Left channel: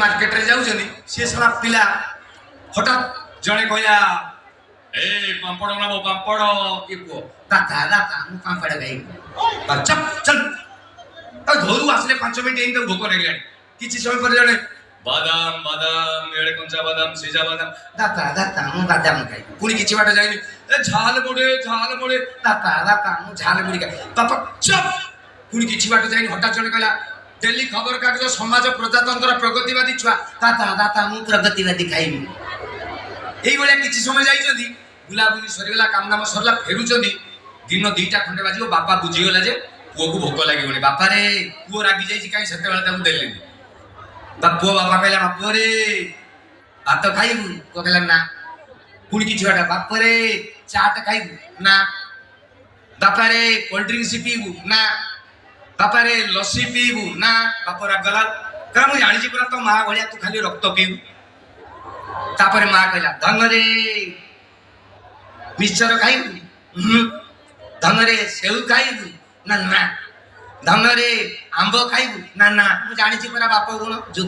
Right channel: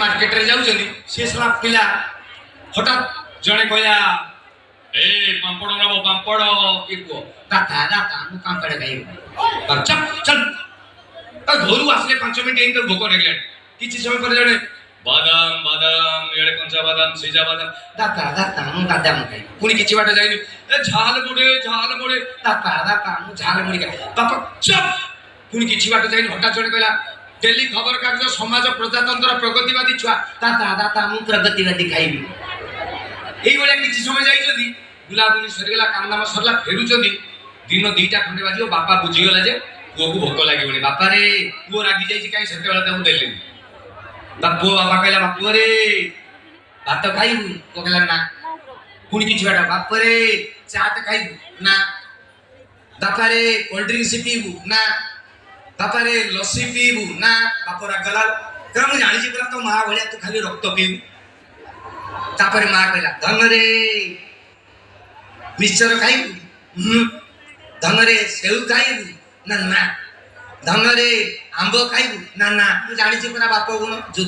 market रे जाउछनी से सारा पिला हठात जणे कहया ए पापड़ ना पापड़ के को दाता दाता मु पापड़ खाई चल चल और घरू आसले 5 मिनिट इन तो भोक लागले किछि समय पर जणे बादाम बादाम एडे कंचा बादाम सीजा बादाम दाता दाता मु बादाम खाई पुनी किछि बाट जाइनी ए झाल बोडे दाता दाता मु झाल बोडी खाई पापा चप पुनी किछि बाट जाइनी हठात जणे कहला दिल्ली खबर कागज समाज प्रजातंत्र प्रगतिवादी छुआ दाता दाता मु प्रगतिवादी खाइबी एई बळे किछि समय जाई जदी बुलाबुली सरीगला काम नाम सरला फेरुचंदी दिन 2टा खंडे बाजियो बापा बुझी गला जे पुओ को भोक लागि बणी बापा रे पुओ रागी जाई काई सते बेला ताऊ देले बापू बापा कहला बापू रे भात खाइबू तो कहला ना पुणी किछि बाटा बाप रे चाट खाइबू ना बापा रे कोल्ड ड्रिंक्स पीबू ना बापा रे लस्सी पीबू ना बाप रागला करा मु जानि छी तो मां भलिया तू खाली रक्त पीबू तापर मां कहला धन रे मिक्सचर खाइबू धन रे सेउ खाइबू ना ना धन रे आंबो खाइबू ना ना मु जानि छी बाप गुण